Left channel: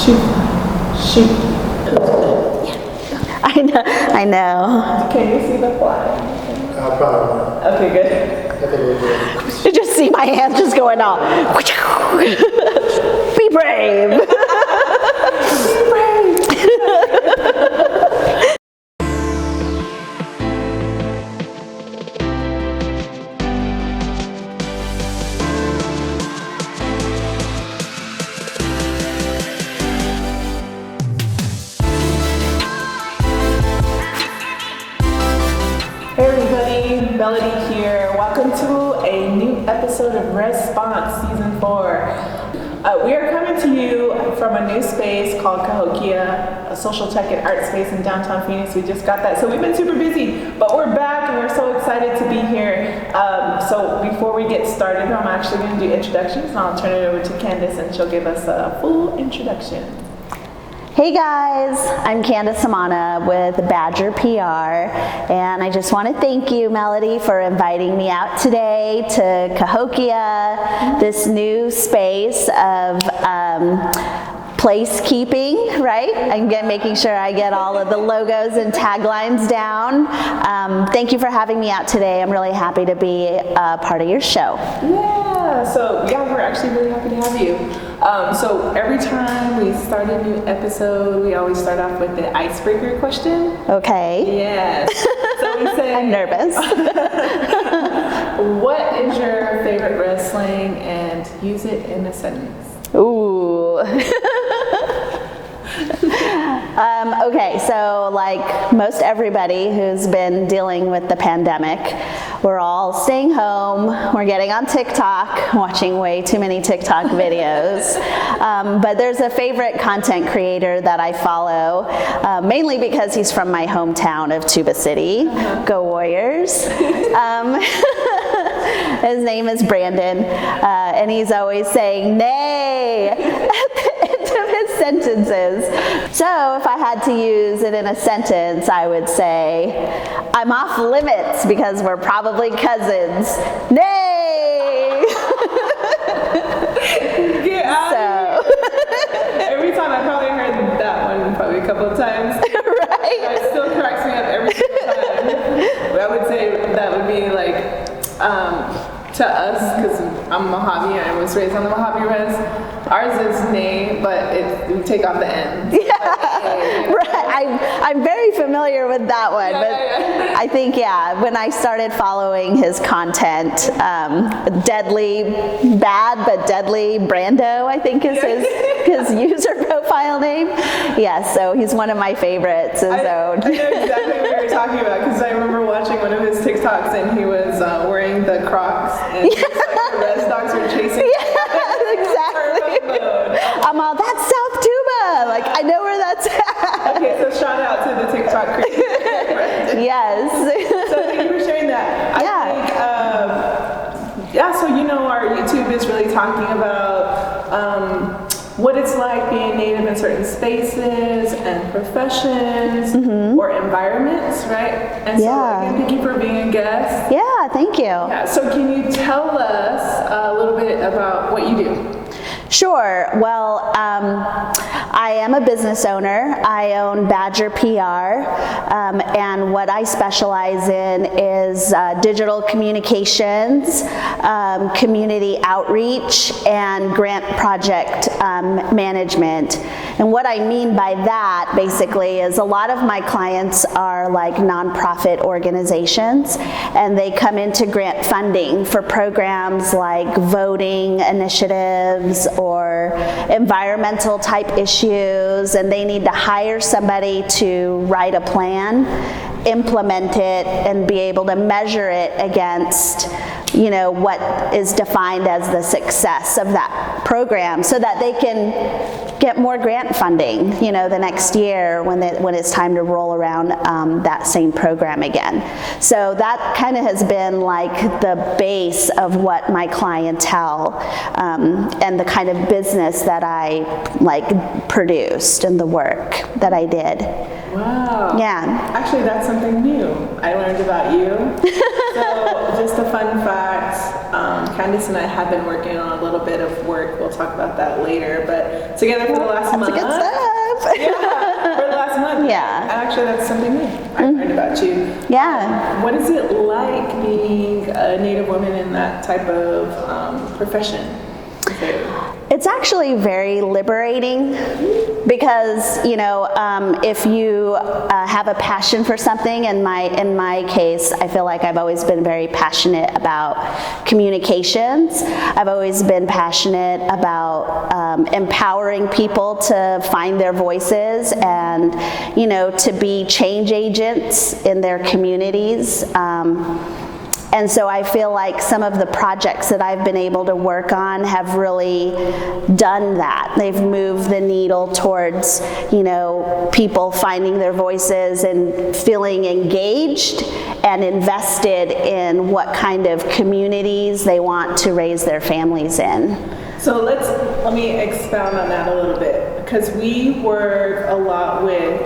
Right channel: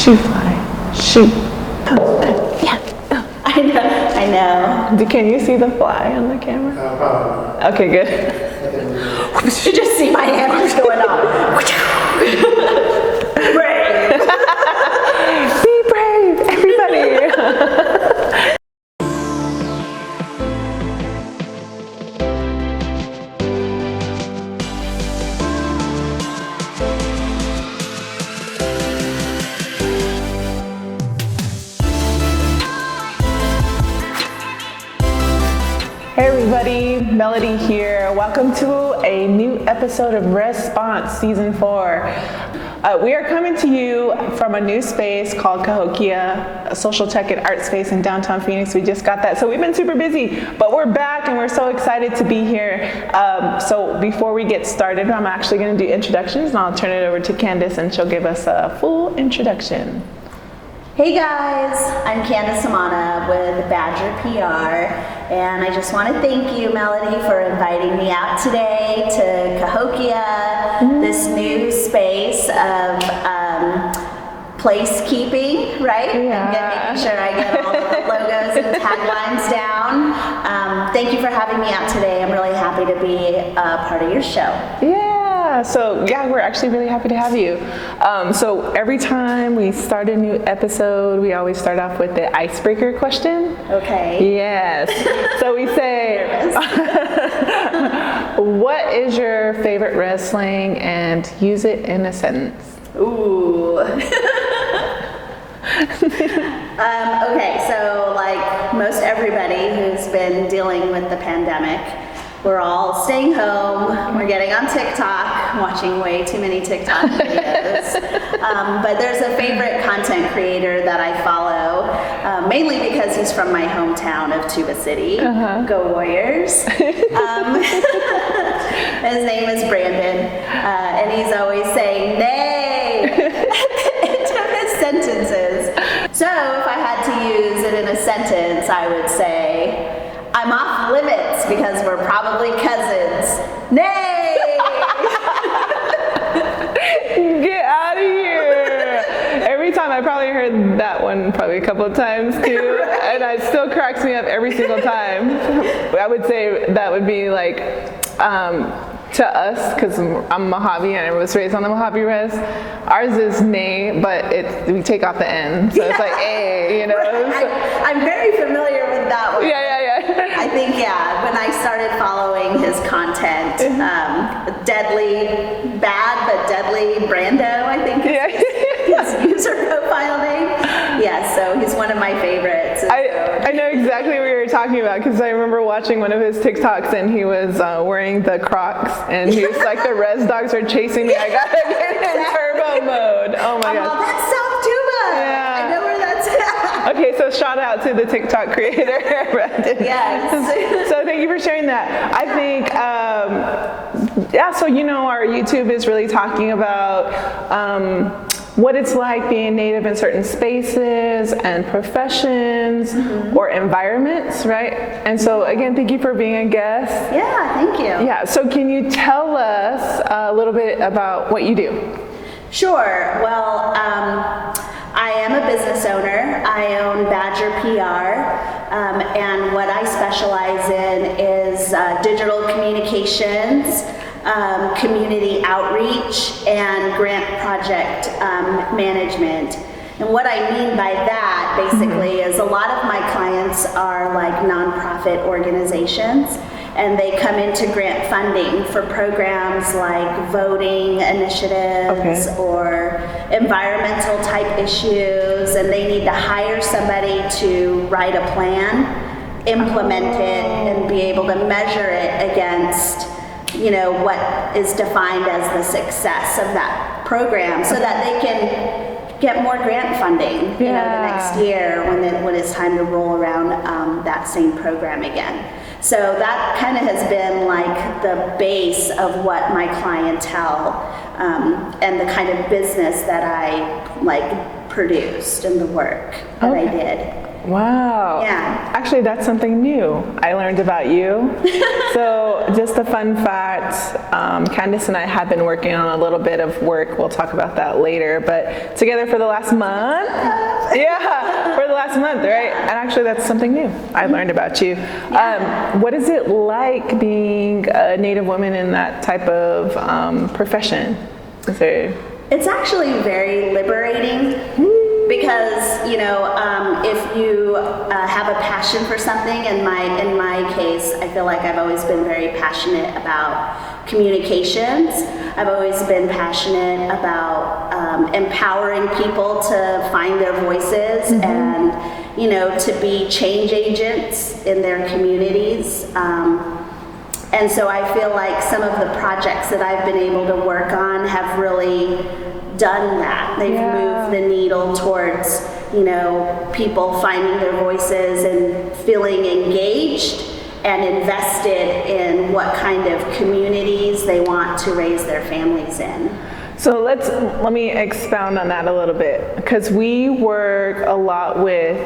Shoot. Yeah. I know. Can you see the fly on the camera? Probably. Okay, good. You just see my hand just going off. Brave. Be brave, everybody. Melody here. Welcome to a new episode of Response Season 4. We are coming to you from a new space called Cahokia, a social tech and art space in downtown Phoenix. We just got that, so we've been super busy, but we're back and we're so excited to be here. So before we get started, I'm actually going to do introductions, and I'll turn it over to Candace, and she'll give us a full introduction. Hey guys, I'm Candace Hamana with Badger PR, and I just want to thank you, Melody, for inviting me out today to Cahokia, this new space of placekeeping, right? I'm making sure I get all of the logos and taglines down. Thank you for having me out today. I'm really happy to be a part of your show. We're actually really happy to have you. So every time we start a new episode, we always start off with the icebreaker question. Okay. Yes. So we say, I'm nervous. What is your favorite wrestling, and use it in a sentence? Ooh. Okay, so like most everybody who's been dealing with the pandemic, we're all staying home, we're getting on TikTok, watching way too many TikTok videos. But there's a favorite content creator that I follow, mainly because he's from my hometown of Tuba City. Go Warriors. His name is Brandon, and he's always saying, "Nay," at the end of his sentences. So if I had to use it in a sentence, I would say, "I'm off limits because we're probably cousins. Nay!" Get out of here! Every time, I probably heard that one probably a couple of times too, and it still cracks me up every single time. I would say that would be like, to us, because I'm Mojave and I was raised on the Mojave Res, ours is nay, but we take off the N, so it's like A, you know? Right. I'm very familiar with that one. Yeah. I think, when I started following his content, Deadly Bad but Deadly Brando, I think is his user profile name. Yes, so he's one of my favorites. I know exactly what you were talking about, because I remember watching one of his TikToks and he was wearing the Crocs, and he was like, the res dogs are chasing me. Turbo mode. Oh my gosh. That's South Tuba. Yeah. Like, I know where that's at. Okay, so shout out to the TikTok creator. Yes. So thank you for sharing that. I think, so our YouTube is really talking about what it's like being Native in certain spaces and professions or environments, right? And so again, thank you for being a guest. Yeah, thank you. Yeah, so can you tell us a little bit about what you do? Sure. Well, I am a business owner. I own Badger PR, and what I specialize in is digital communications, community outreach, and grant project management. And what I mean by that, basically, is a lot of my clients are like nonprofit organizations, and they come into grant funding for programs like voting initiatives or environmental type issues, and they need to hire somebody to write a plan, implement it, and be able to measure it against what is defined as the success of that program, so that they can get more grant funding, the next year when it's time to roll around that same program again. So that kind of has been like the base of what my clientele and the kind of business that I produced and the work that I did. Wow. Yeah. Actually, that's something new I learned about you. So just a fun fact, Candace and I have been working on a little bit of work. We'll talk about that later, but together for the last month. Yeah, for the last month, right? Yeah. Actually, that's something new I learned about you. Yeah. What is it like being a Native woman in that type of profession? It's actually very liberating because, you know, if you have a passion for something, in my case, I feel like I've always been very passionate about communications. I've always been passionate about empowering people to find their voices and, you know, to be change agents in their communities. And so I feel like some of the projects that I've been able to work on have really done that. They've moved the needle towards, you know, people finding their voices and feeling engaged and invested in what kind of communities they want to raise their families in. So let me expound on that a little bit, because we work a lot with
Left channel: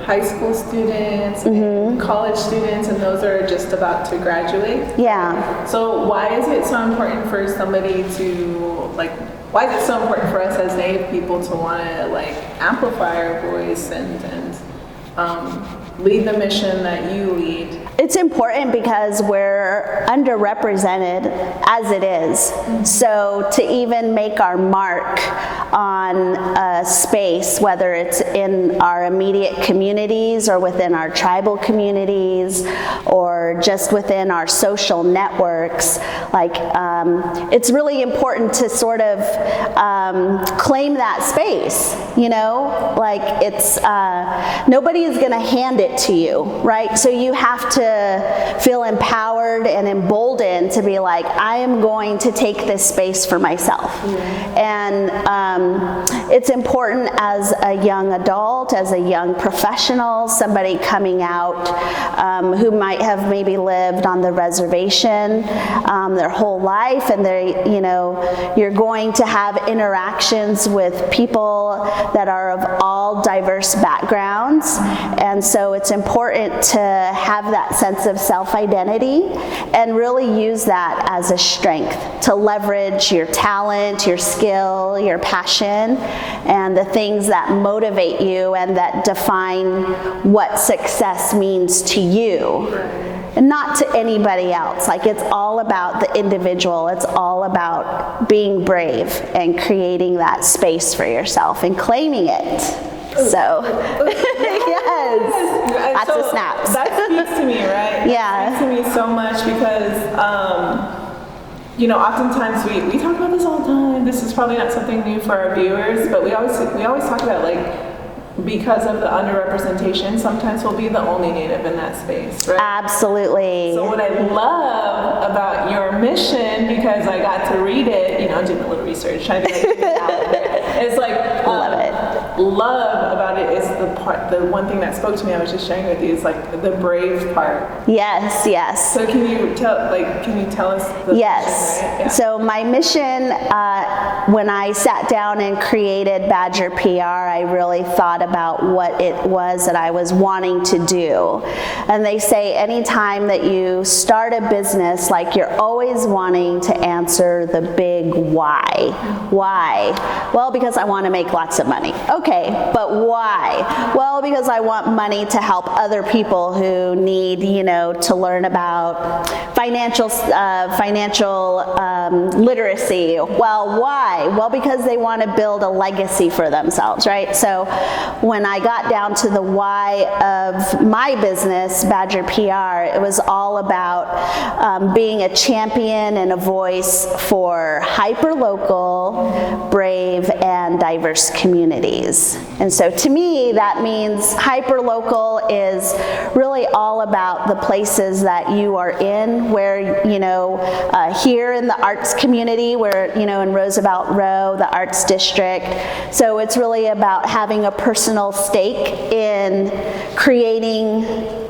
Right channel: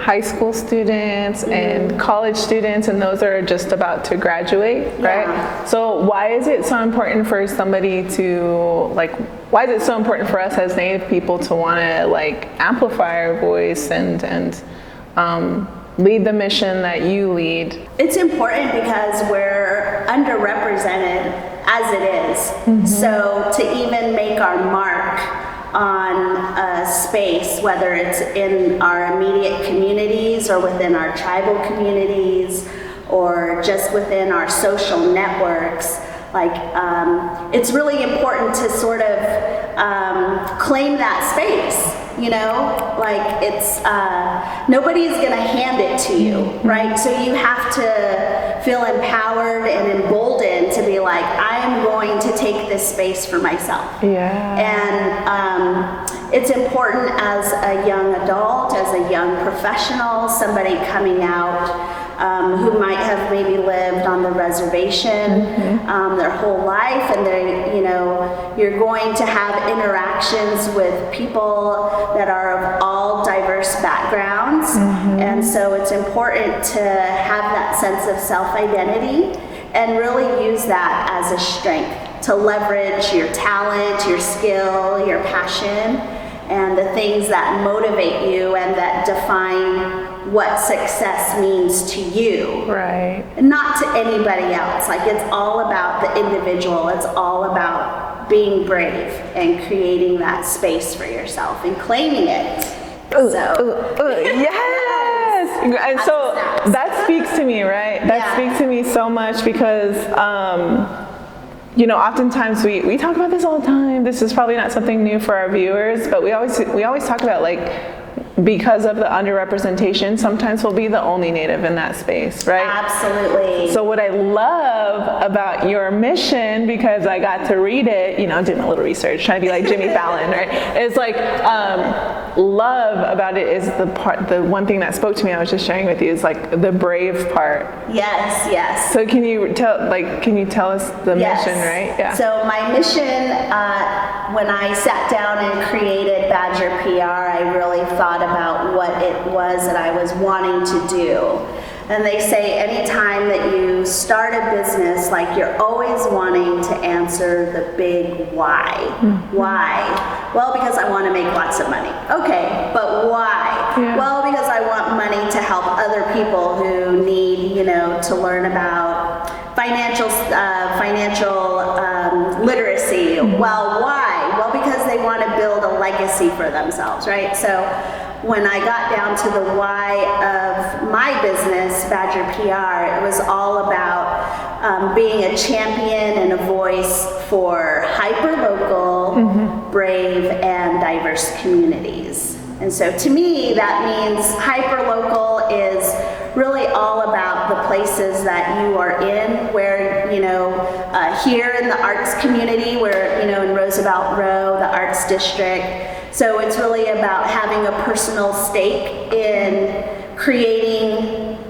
high school students and college students, and those are just about to graduate, right? So why is it so important for somebody to, like, why is it so important for us as Native people to want to, like, amplify our voice and lead the mission that you lead? It's important because we're underrepresented as it is. So to even make our mark on a space, whether it's in our immediate communities or within our tribal communities or just within our social networks, like it's really important to sort of claim that space, you know? Like it's, nobody's gonna hand it to you, right? So you have to feel empowered and emboldened to be like, I am going to take this space for myself. And it's important as a young adult, as a young professional, somebody coming out who might have maybe lived on the reservation their whole life, and they, you know, you're going to have interactions with people that are of all diverse backgrounds, and so it's important to have that sense of self-identity and really use that as a strength to leverage your talent, your skill, your passion, and the things that motivate you and that define what success means to you. Right. And not to anybody else. Like, it's all about the individual. It's all about being brave and creating that space for yourself and claiming it. Yes. And Lots so of snaps. that speaks to me, right? That speaks to me so much because, you know, oftentimes we talk about this all the time. This is probably not something new for our viewers, but we always talk about, like, because of the underrepresentation, sometimes we'll be the only Native in that space, right? Absolutely. So what I love about your mission, because I got to read it, you know, doing a little research, trying to be like Jimmy Fallon, right? It's like, love about it is the one thing that spoke to me, I was just sharing with you, is like the brave part. Yes. So can you tell us the mission, right? Yeah. So my mission, when I sat down and created Badger PR, I really thought about what it was that I was wanting to do. And they say anytime that you start a business, like, you're always wanting to answer the big why. Why? Well, because I want to make lots of money. Okay, but why? Well, because I want money to help other people who need, you know, to learn about financial literacy. Well, why? Well, because they want to build a legacy for themselves, right? So when I got down to the why of my business, Badger PR, it was all about being a champion and a voice for hyper-local, brave, and diverse communities. And so to me, that means hyper-local is really all about the places that you are in, where, you know, here in the arts community, where, you know, in Roosevelt Row, the arts district. So it's really about having a personal stake in creating,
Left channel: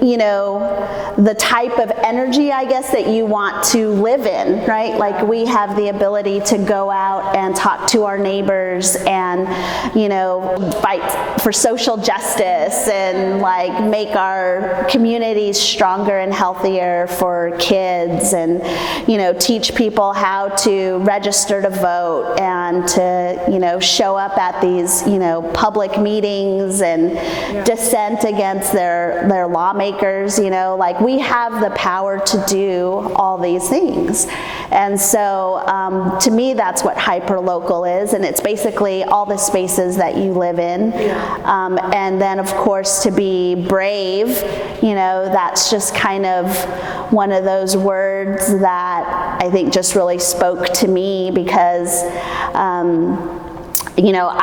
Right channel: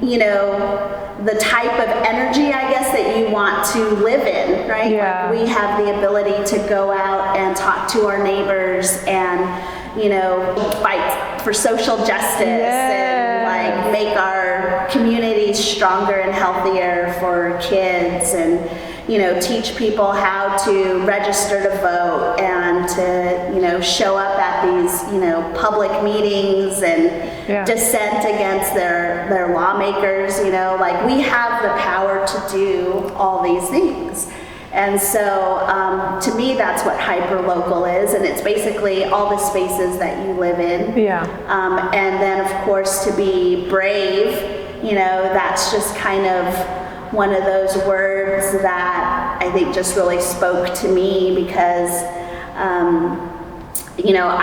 the type of energy, I guess, that you want to live in, right? Yeah. Like we have the ability to go out and talk to our neighbors and, fight for social justice and like make our communities stronger and healthier for kids and, teach people how to register to vote and to, show up at these, public meetings and dissent against their lawmakers, like we have the power to do all these things. And so to me, that's what hyperlocal is, and it's basically all the spaces that you live in. And then, of course, to be brave, that's just kind of one of those words that I think just really spoke to me because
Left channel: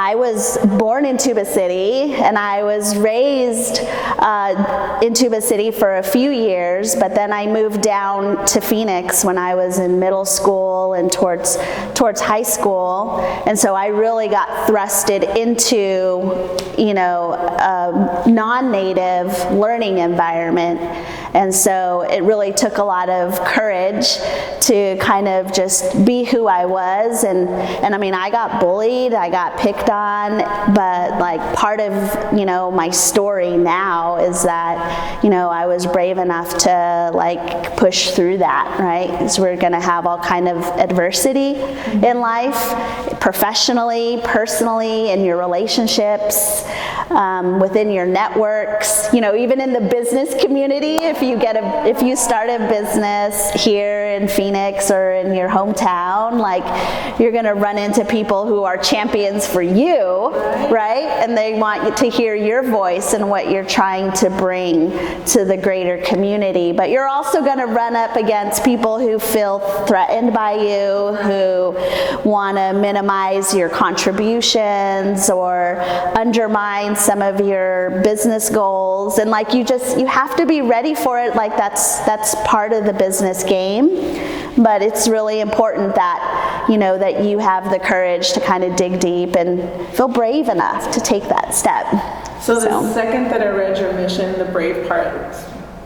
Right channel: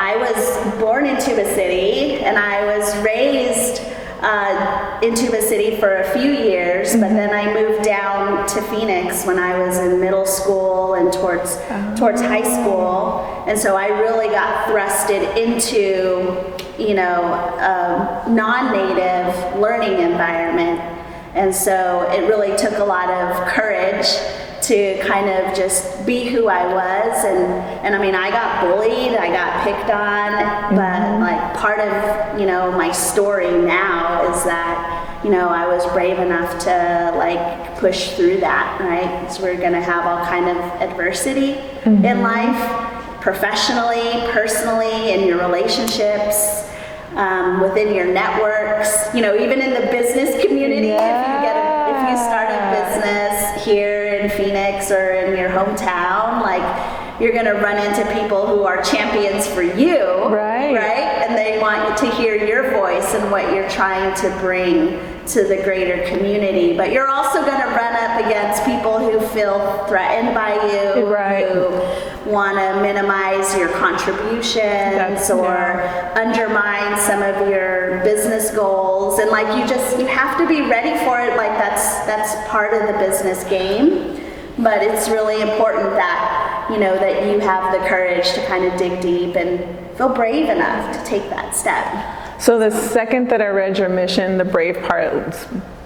I was born in Tuba City and I was raised in Tuba City for a few years, but then I moved down to Phoenix when I was in middle school and towards high school. And so I really got thrusted into, a non-native learning environment. And so it really took a lot of courage to kind of just be who I was. And I mean, I got bullied, I got picked on, but like part of, my story now is that, I was brave enough to like push through that, right? Because we're going to have all kind of adversity in life, professionally, personally, in your relationships. Within your networks, even in the business community, if you start a business here in Phoenix or in your hometown, like you're going to run into people who are champions for you, right? And they want you to hear your voice and what you're trying to bring to the greater community. But you're also going to run up against people who feel threatened by you, who want to minimize your contributions or undermine some of your business goals, and like you have to be ready for it. Like that's part of the business game, but it's really important that that you have the courage to kind of dig deep and feel brave enough to take that step. So the second that I read your mission, the brave part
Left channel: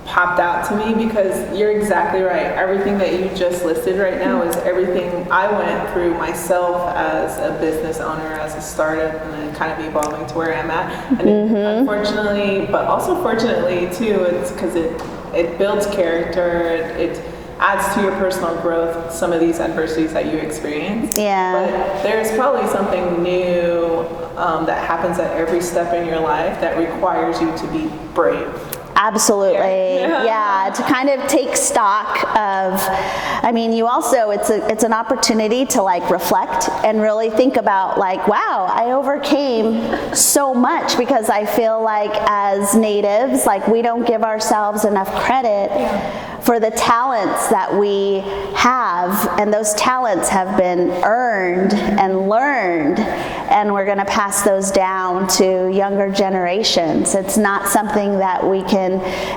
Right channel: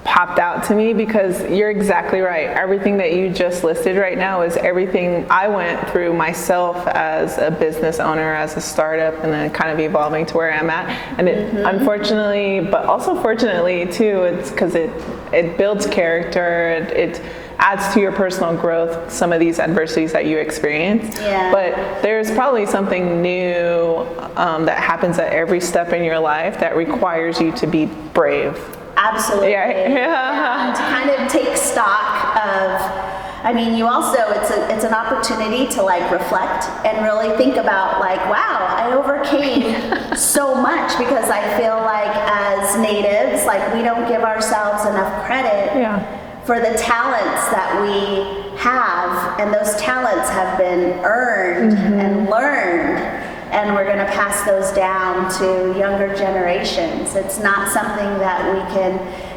popped out to me, because you're exactly right. Everything that you just listed right now is everything I went through myself as a business owner, as a startup, and then kind of evolving to where I'm at. And it, unfortunately, but also fortunately too, it's because it builds character. It adds to your personal growth, some of these adversities that you experience. But there's probably something new that happens at every step in your life that requires you to be brave. Absolutely. To kind of take stock of, you also, it's an opportunity to like reflect and really think about like, wow, I overcame so much, because I feel like as natives, like we don't give ourselves enough credit for the talents that we have, and those talents have been earned and learned, and we're going to pass those down to younger generations. It's not something that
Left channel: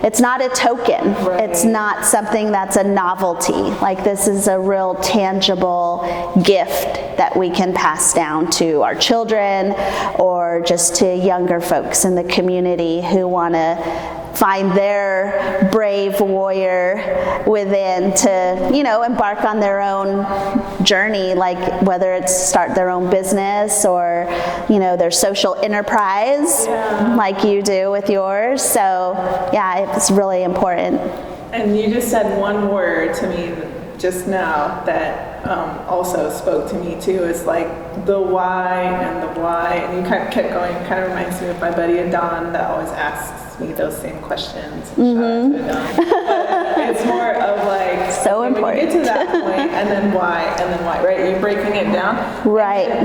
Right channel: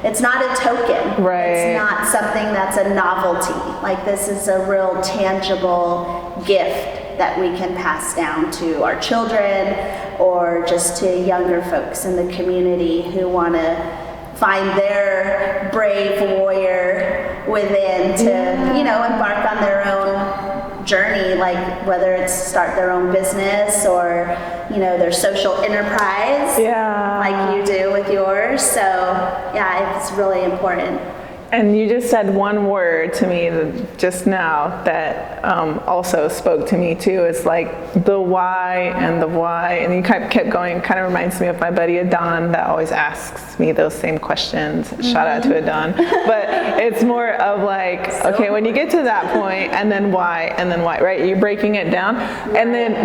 it's not a token. It's not something that's a novelty. Like this is a real tangible gift that we can pass down to our children or just to younger folks in the community who want to find their brave warrior within to, embark on their own journey, like whether it's start their own business or, their social enterprise, like you do with yours. So, it's really important. And you just said one word to me just now that also spoke to me too. It's like the why and the why. And you kind of kept going. It kind of reminds me of my buddy Adon that always asks me those same questions. Shout out to Adon. But it's more of like, when you get to that point, and then why, right? You're breaking it down.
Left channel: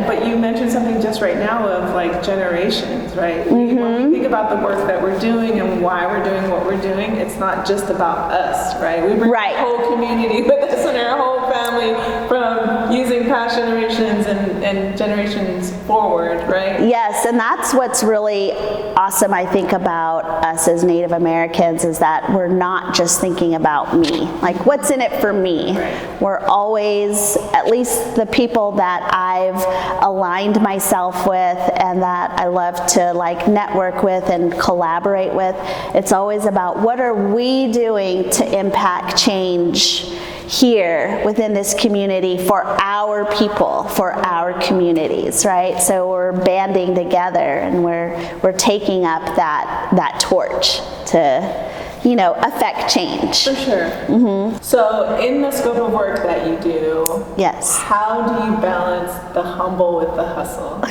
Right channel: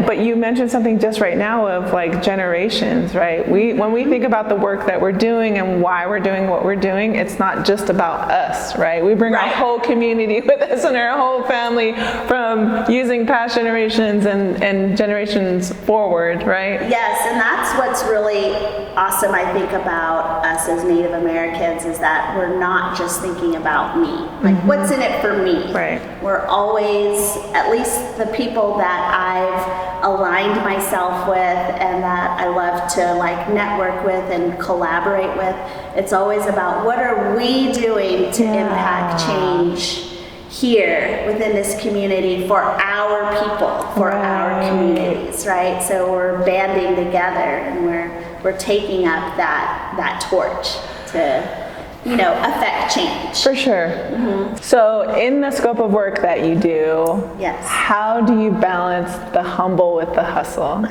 But you mentioned something just right now of like generations, right? When we think about the work that we're doing and why we're doing what we're doing, it's not just about us, right? We bring our whole community with us and our whole family from using past generations and generations forward, right? Yes, and that's what's really awesome, I think, about us as Native Americans is that we're not just thinking about me. Like, what's in it for me? Right. We're always, at least the people that I've aligned myself with and that I love to like network with and collaborate with, it's always about what are we doing to impact change here within this community for our people, for our communities, right? So we're banding together and we're taking up that torch to, you know, affect change. For sure. So in the scope of work that you do, Yes. how do you balance the humble with the hustle?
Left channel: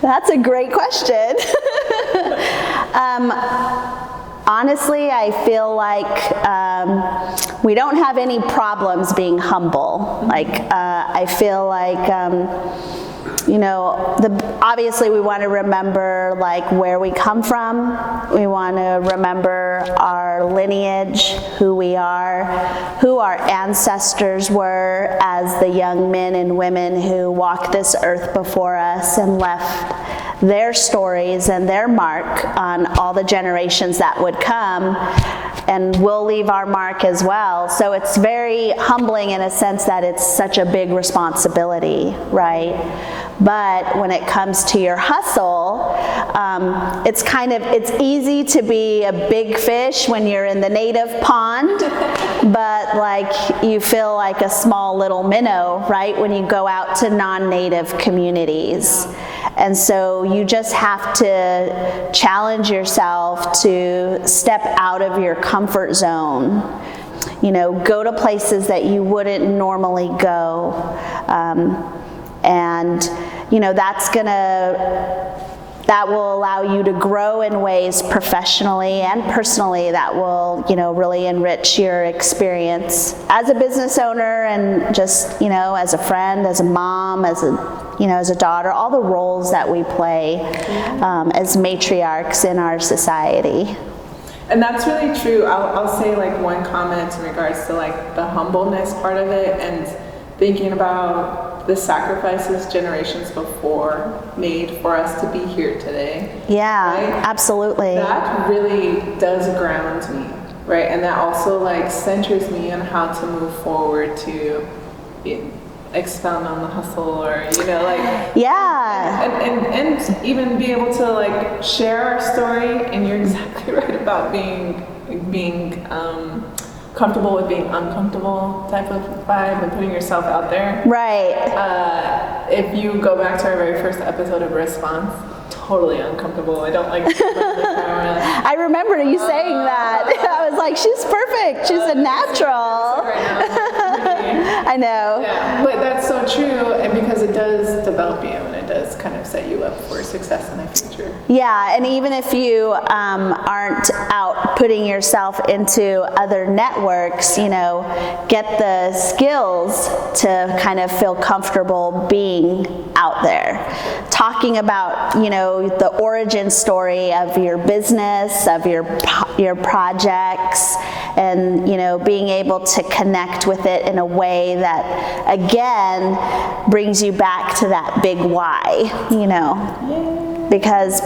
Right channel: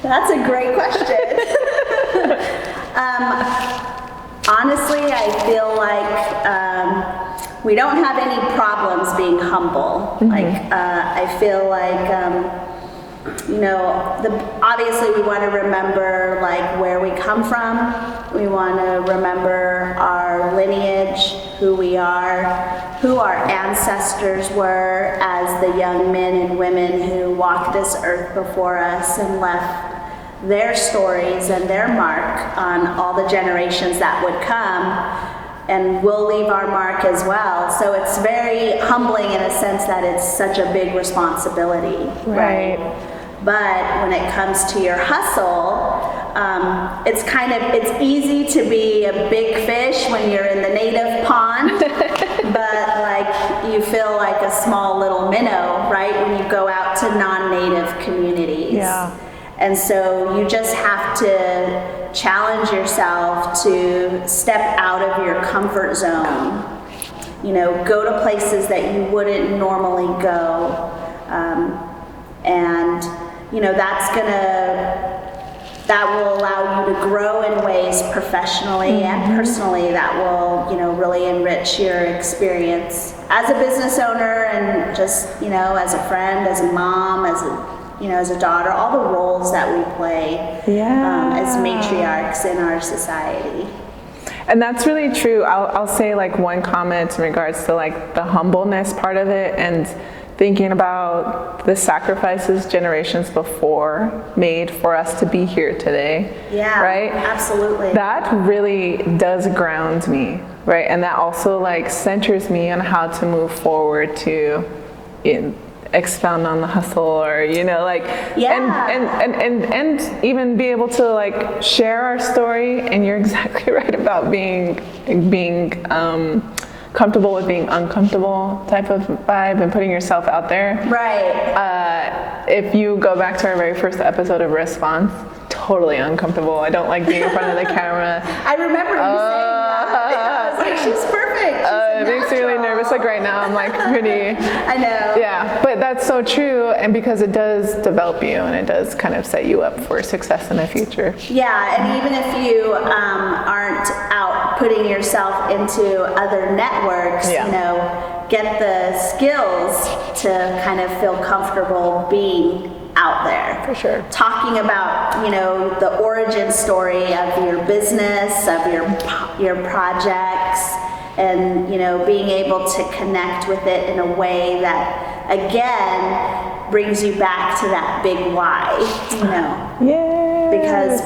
That's a great question. Honestly, I feel like we don't have any problems being humble. Like, I feel like, you know, obviously we want to remember like where we come from. We want to remember our lineage, who we are, who our ancestors were as the young men and women who walked this earth before us and left their stories and their mark on all the generations that would come, and we'll leave our mark as well. So it's very humbling in a sense that it's such a big responsibility, right? But when it comes to your hustle, it's easy to be a big fish when you're in the native pond, but like you feel like a small little minnow, right? When you go out to non-native communities. Yeah. And so you just have to challenge yourself to step out of your comfort zone. You know, go to places that you wouldn't normally go. And, you know, that will allow you to grow in ways professionally and personally that will, you know, really enrich your experience as a business owner and just, you know, as a friend, as a mom, as a daughter, all the roles that we play as matriarchs in our society. And that's really true. I'll say like one comment in regards to like the humbleness part of it and thinking about the sacrifices generations before made for us to be here today. Yeah, right? Absolutely. That really does ground me, right? And that also like centers me on how to move forward to expound on the hustle, or you know, like and even be able to like share our story. And you're exactly right about being comfortable with being uncomfortable type of vibe and putting yourself out there. Right. If you go back to our very first episode of Response, totally uncomfortable. I don't like being in front of the camera. I remember you saying that. I was like, she's perfect. She's a It makes me natural. really nervous. Like right now, I'm like pretty. I know. Yeah, but that's so true, and because it does develop you and it does kind of set you up for success in the future. Yeah, and even if you aren't out putting yourself into other networks, you know, get the skills to kind of feel comfortable being out there. For sure. Talking about, you know, the origin story of your business, of your projects, and, you know, being able to connect with it in a way that, again, brings you back to that big why, you know. Yeah. Because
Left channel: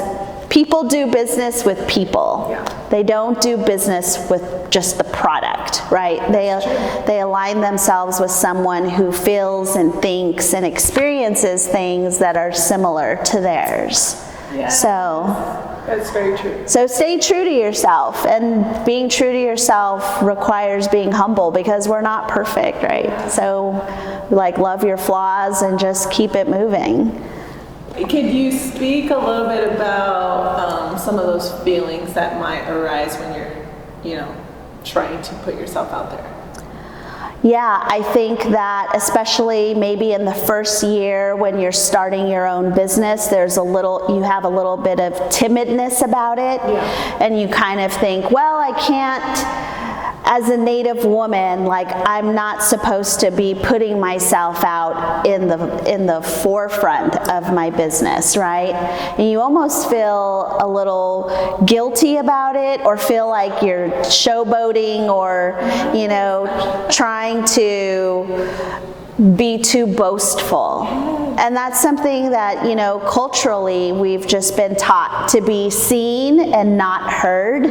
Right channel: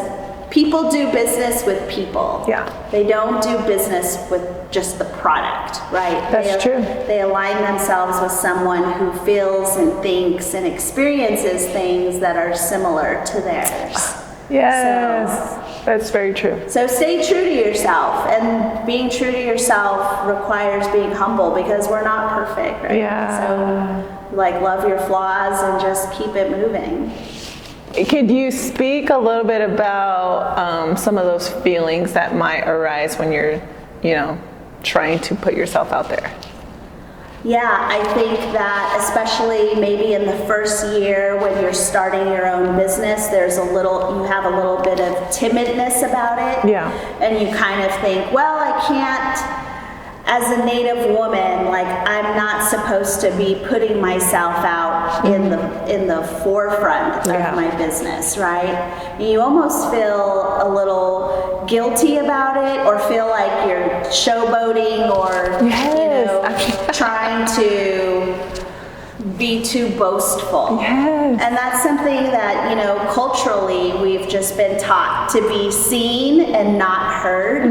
people do business with people. Yeah. They don't do business with just the product, right? That's true. They align themselves with someone who feels and thinks and experiences things that are similar to theirs. Yes. So that's very true. So stay true to yourself, and being true to yourself requires being humble because we're not perfect, right? Yeah. So like love your flaws and just keep it moving. Could you speak a little bit about some of those feelings that might arise when you're, you know, trying to put yourself out there? Yeah, I think that especially maybe in the first year when you're starting your own business, you have a little bit of timidness about it. Yeah. And you kind of think, well, I can't, as a Native woman, like I'm not supposed to be putting myself out in the forefront of my business, right? And you almost feel a little guilty about it, or feel like you're showboating, or you know, trying to be too boastful. Yes. And that's something that, you know, culturally we've just been taught to be seen and not heard.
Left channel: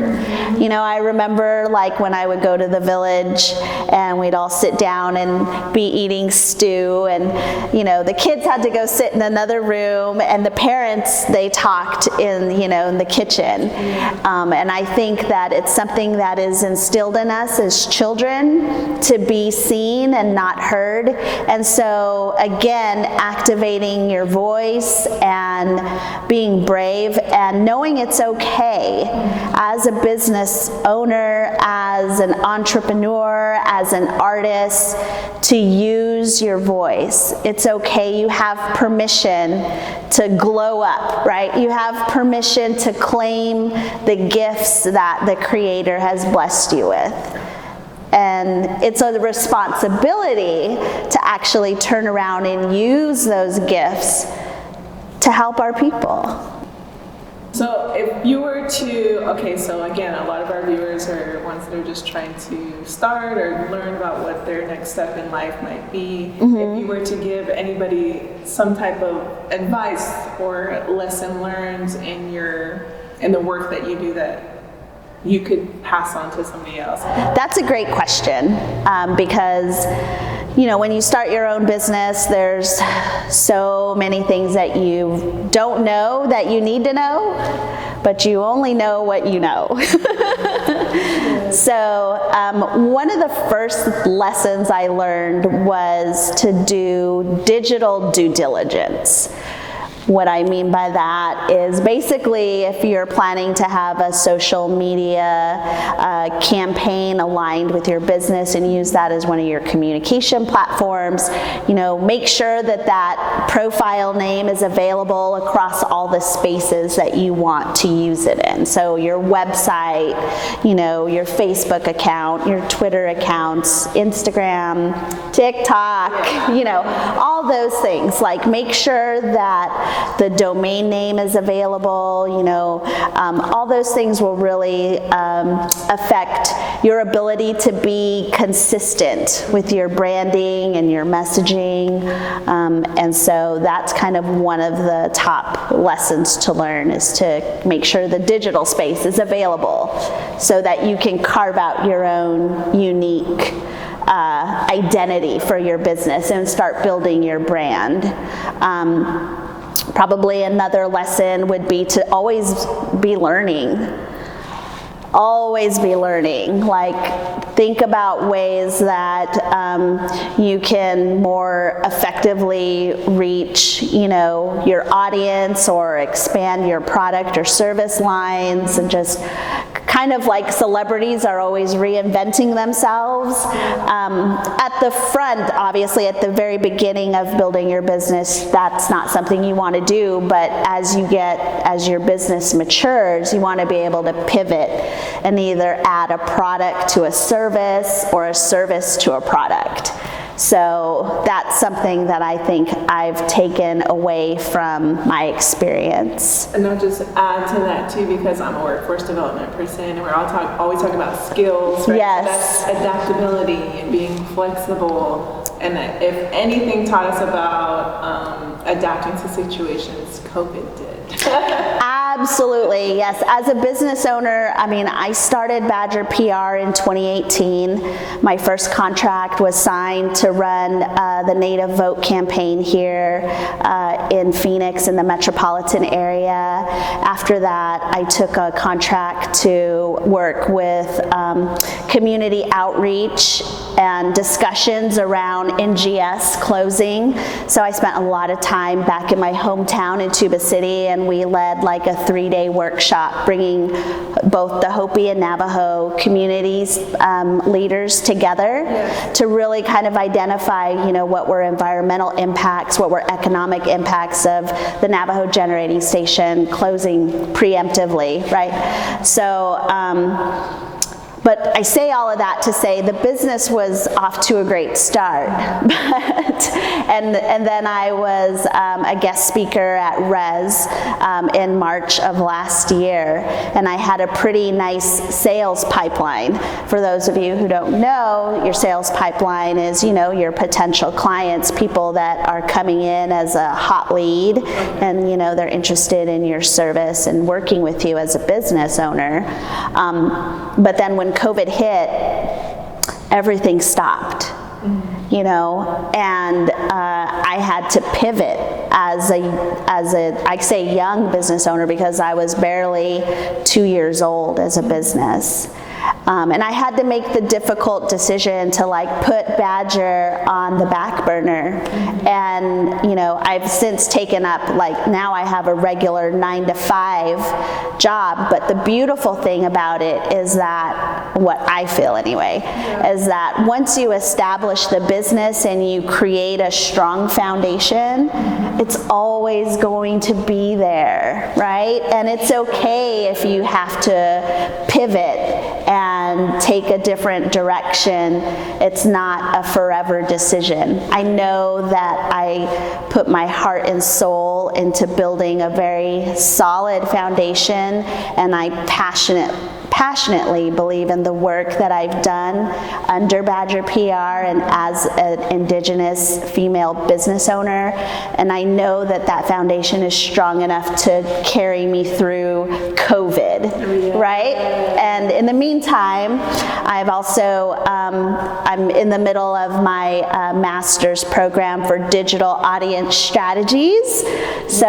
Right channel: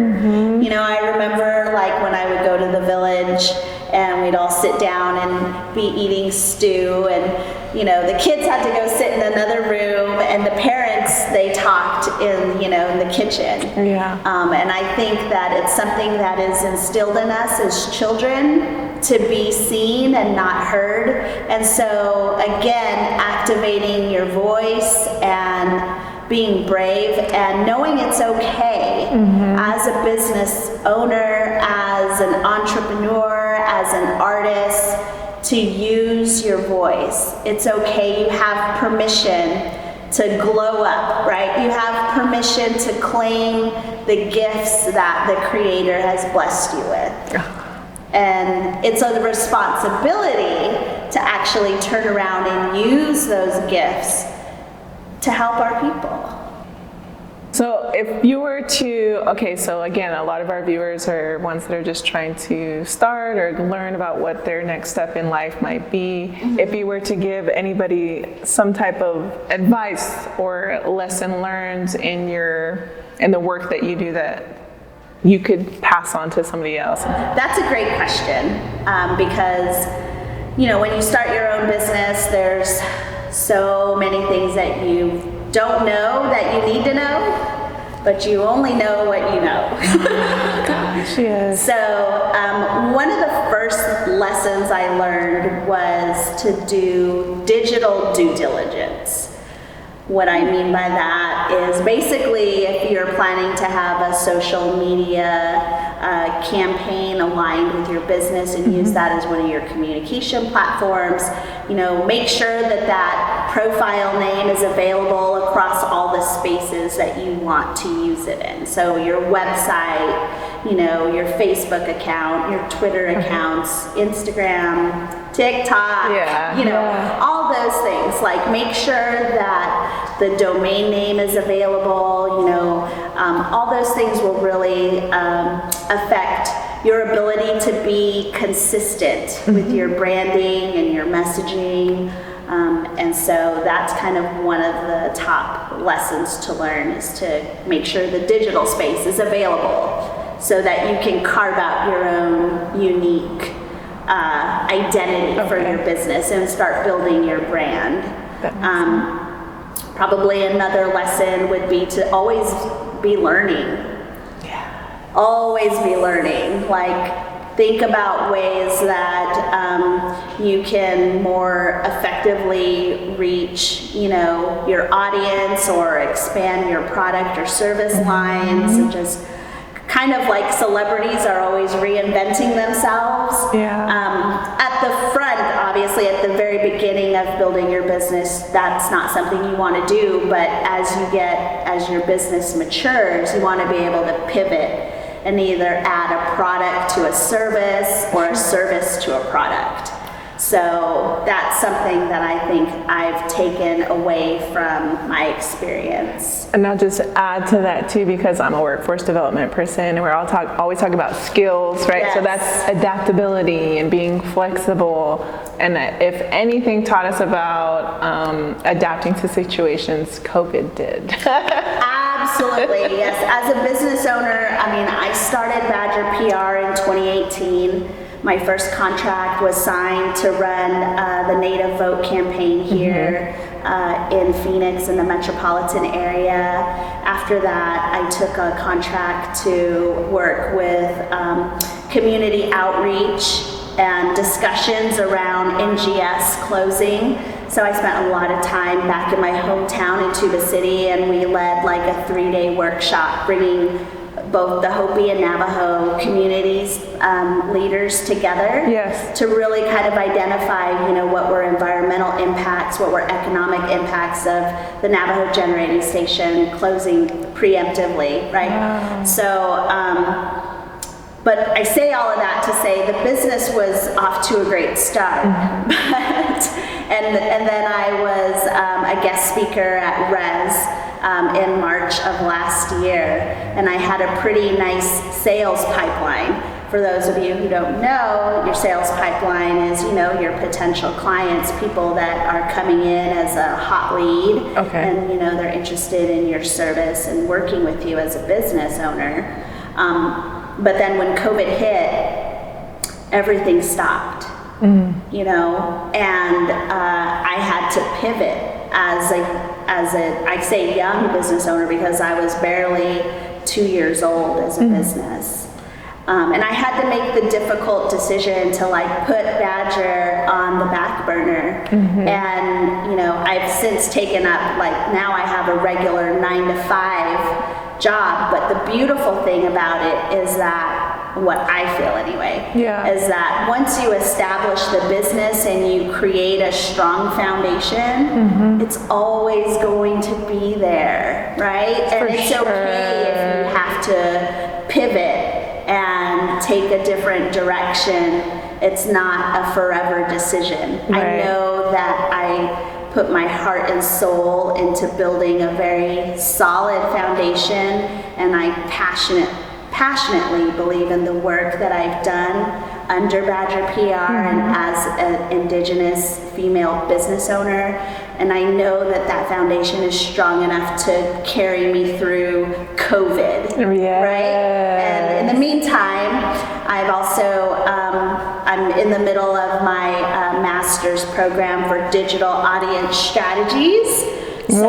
You know, I remember like when I would go to the village and we'd all sit down and be eating stew, and, you know, the kids had to go sit in another room and the parents, they talked in, you know, in the kitchen. And I think that it's something that is instilled in us as children to be seen and not heard. And so again, activating your voice and being brave and knowing it's okay as a business owner, as an entrepreneur, as an artist, to use your voice. It's okay. You have permission to glow up, right? You have permission to claim the gifts that the Creator has blessed you with. And it's a responsibility to actually turn around and use those gifts to help our people. So if you were to, okay, so again, a lot of our viewers are ones that are just trying to start or learn about what their next step in life might be. If you were to give anybody some type of advice or lesson learned in the work that you do that you could pass on to somebody else? That's a great question, because, you know, when you start your own business, there's so many things that you don't know that you need to know, but you only know what you know. So one of the first lessons I learned was to do digital due diligence. What I mean by that is basically if you're planning to have a social media campaign aligned with your business and use that as one of your communication platforms, you know, make sure that that profile name is available across all the spaces that you want to use it in. So your website, you know, your Facebook account, your Twitter accounts, Instagram, TikTok, you know, all those things. Like make sure that the domain name is available, you know, all those things will really affect your ability to be consistent with your branding and your messaging. And so that's kind of one of the top lessons to learn, is to make sure the digital space is available so that you can carve out your own unique identity for your business and start building your brand. Probably another lesson would be to always be learning. Always be learning. Like, think about ways that you can more effectively reach, you know, your audience or expand your product or service lines, and just kind of like celebrities are always reinventing themselves. At the front, obviously, at the very beginning of building your business, that's not something you want to do, but as your business matures, you want to be able to pivot and either add a product to a service or a service to a product. So that's something that I think I've taken away from my experience. And I'll just add to that too, because I'm a workforce development person, and we're always talking about skills, right? Yes. So that's adaptability and being flexible. And if anything taught us about adapting to situations, COVID did. Absolutely, yes. As a business owner, I mean, I started Badger PR in 2018. My first contract was signed to run the Native Vote campaign here in Phoenix, in the metropolitan area. After that, I took a contract to work with community outreach and discussions around NGS closing. So I spent a lot of time back in my hometown in Tuba City, and we led like a 3-day workshop bringing both the Hopi and Navajo communities leaders together to really kind of identify, you know, what were environmental impacts, what were economic impacts of the Navajo generating station closing preemptively, right? So But I say all of that to say the business was off to a great start. and then I was a guest speaker at Res in March of last year, and I had a pretty nice sales pipeline. For those of you who don't know, your sales pipeline is, your potential clients, people that are coming in as a hot lead, and they're interested in your service and working with you as a business owner. But then when COVID hit, everything stopped, and I had to pivot as I say young business owner because I was barely 2 years old as a business. And I had to make the difficult decision to put Badger on the back burner. And, I've since taken up, now I have a regular 9-to-5 job. But the beautiful thing about it is that, what I feel anyway, is that once you establish the business and you create a strong foundation, it's always going to be there, right? And it's okay if you have to pivot and take a different direction. It's not a forever decision. Right. I know that I put my heart and soul into building a very solid foundation, and I passionately believe in the work that I've done under Badger PR and as an Indigenous female business owner. And I know that that foundation is strong enough to carry me through COVID, right? And in the meantime, I've also, I'm in the middle of my master's program for digital audience strategies. So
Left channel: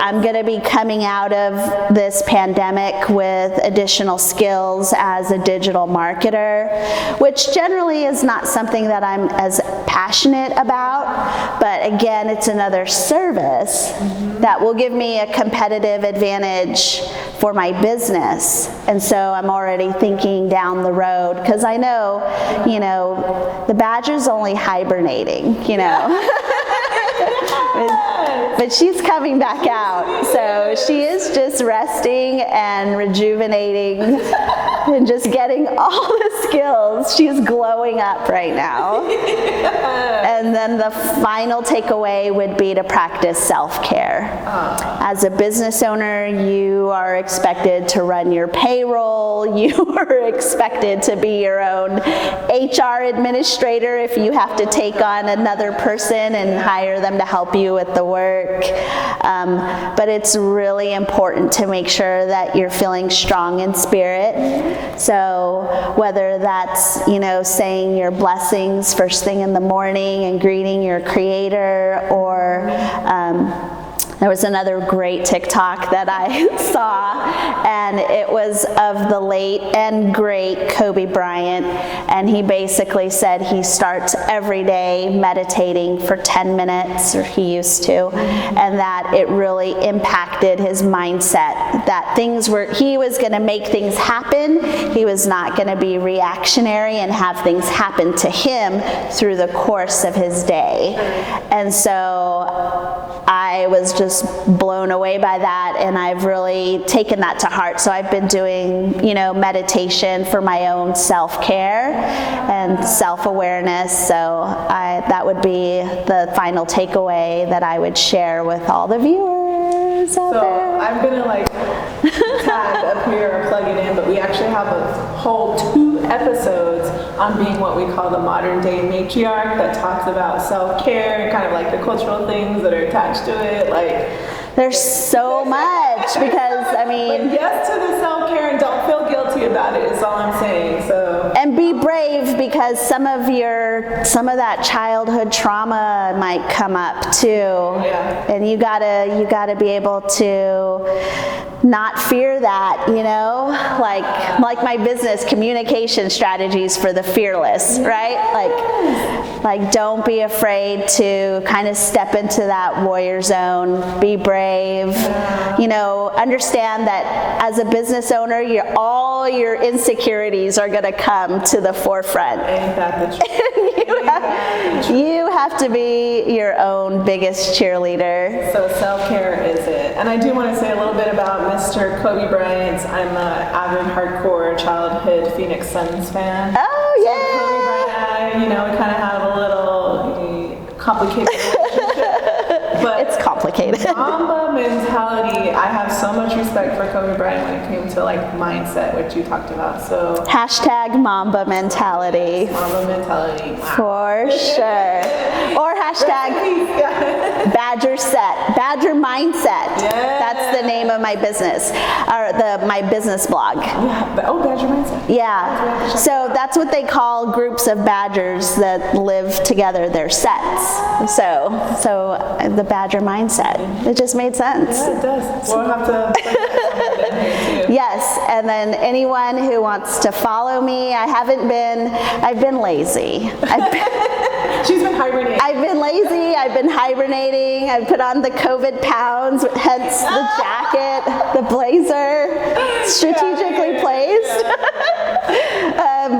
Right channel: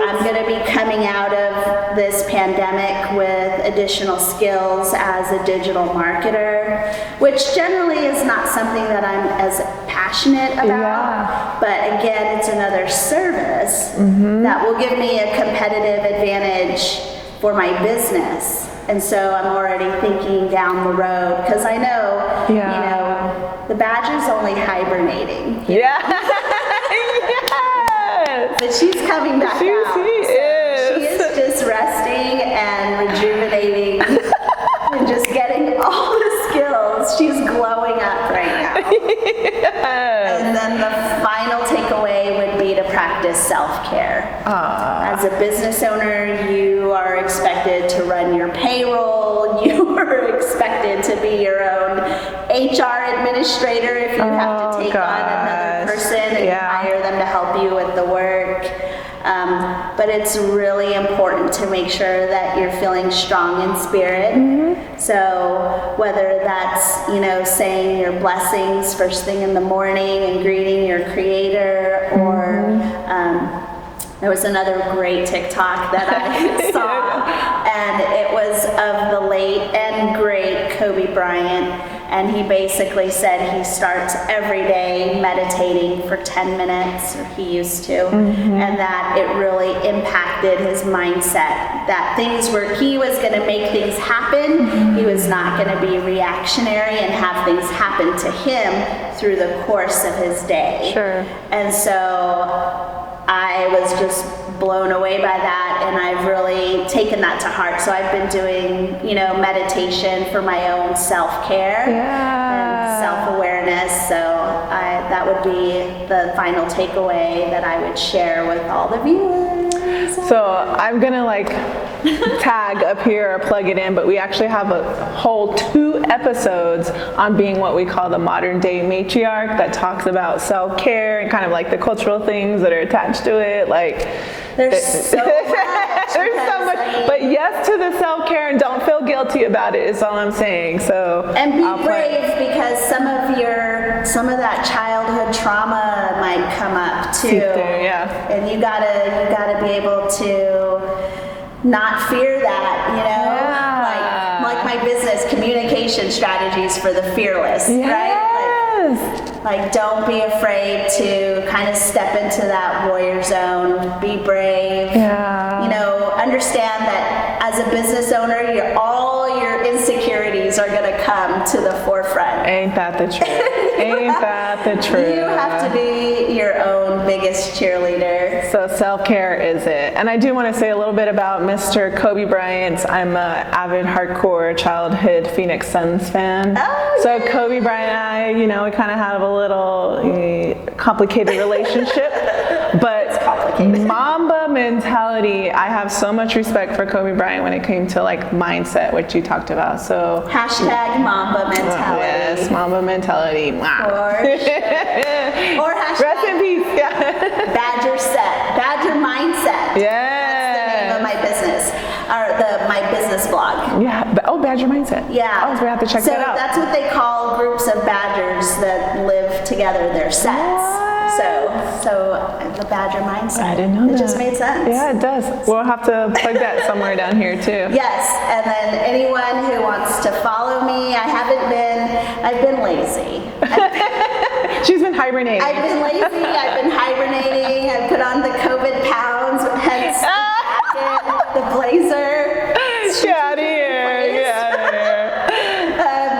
I'm going to be coming out of this pandemic with additional skills as a digital marketer, which generally is not something that I'm as passionate about. But again, it's another service that will give me a competitive advantage for my business. And so I'm already thinking down the road, because I know, the Badger's only hibernating, but she's coming back out. So she is just resting and rejuvenating and just getting all the skills. She's glowing up right now. And then the final takeaway would be to practice self-care. As a business owner, you are expected to run your payroll. You are expected to be your own HR administrator if you have to take on another person and hire them to help you with the work. But it's really important to make sure that you're feeling strong in spirit. So whether that's, saying your blessings first thing in the morning and greeting your creator, or there was another great TikTok that I saw, and it was of the late and great Kobe Bryant, and he basically said he starts every day meditating for 10 minutes, or he used to, and that it really impacted his mindset, that he was going to make things happen. He was not going to be reactionary and have things happen to him through the course of his day. And so I was just blown away by that, and I've really taken that to heart. So I've been doing, meditation for my own self-care and self-awareness. So that would be the final takeaway that I would share with all the viewers. So I'm gonna tag up here or plug it in, but we actually have a whole 2 episodes on being what we call the modern day matriarch, that talks about self-care and kind of the cultural things that are attached to it. There's so much. But yes to the self-care, and don't feel guilty about it, is all I'm saying. So and be brave, because some of that childhood trauma might come up too. And you gotta be able to not fear that, like my business communication strategies for the fearless, right? Don't be afraid to kind of step into that warrior zone. Be brave. Understand that as a business owner, all your insecurities are going to come to the forefront. Ain't that the truth? Ain't that the truth? You have to be your own biggest cheerleader. So self-care is it. And I do want to say a little bit about Mr. Kobe Bryant. I'm an avid hardcore childhood Phoenix Suns fan. Oh, so yeah. Kobe Bryant and I, we kind of have a little complicated relationship. But It's complicated. Mamba mentality, I have so much respect for Kobe Bryant when it came to mindset, which you talked about. So Hashtag Mamba mentality. yes, Mamba mentality. Wow. For sure. Or Rest in hashtag peace. Yeah. Badger mindset. Yes. That's the name of my business, or my business blog. Yeah. Badger mindset. Yeah. Oh, so we have to check So that out. that's what they call groups of badgers that live together. They're sets. Yeah. So the badger mindset. didn't know It just that. made sense. Yeah, it does. We'll have to put that somewhere down here too. Yes, and then anyone who wants to follow me, I've been lazy. She's been hibernating. I've been lazy, I've been hibernating, I've put on the COVID pounds, hence the jacket, the blazer, strategically placed.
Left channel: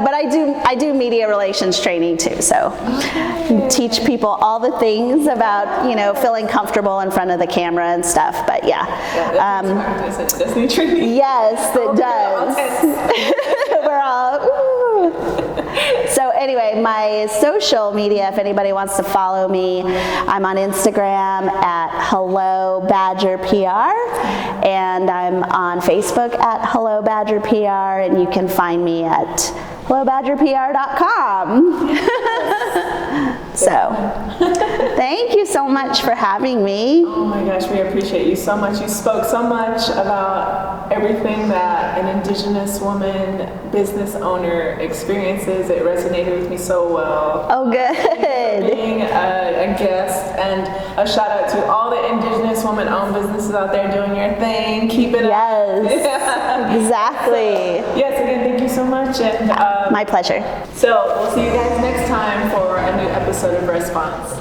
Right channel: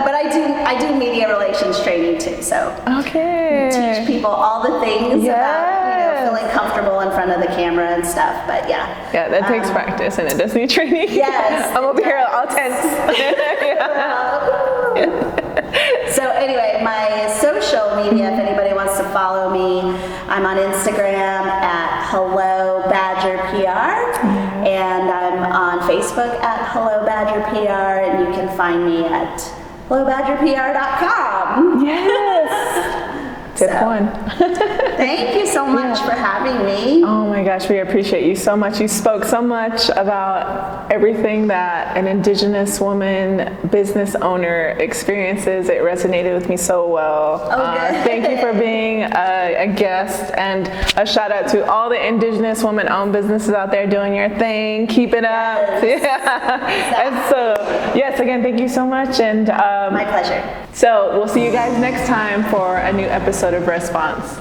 But I do media relations training too, so Okay. teach people all the things about, Yes. feeling comfortable in front of the camera and stuff, but yeah. Yeah, that takes practice and it does need training. Yes, Oh, it girl, all does. tense. So anyway, my social media, if anybody wants to follow me, I'm on Instagram at Hello Badger PR, and I'm on Facebook at Hello Badger PR, and you can find me at hellobadgerpr.com. Yes. So, Good one. thank you so much for having me. Oh my gosh, we appreciate you so much. You spoke so much about everything that an Indigenous woman business owner experiences. It resonated with me so well. Oh, good. Thank you for being a guest, and a shout out to all the Indigenous women-owned businesses out there doing your thing. Keep it up. Yes, exactly. So, yes, again, thank you so much. And My pleasure. so we'll see you guys next time for a new episode of Response.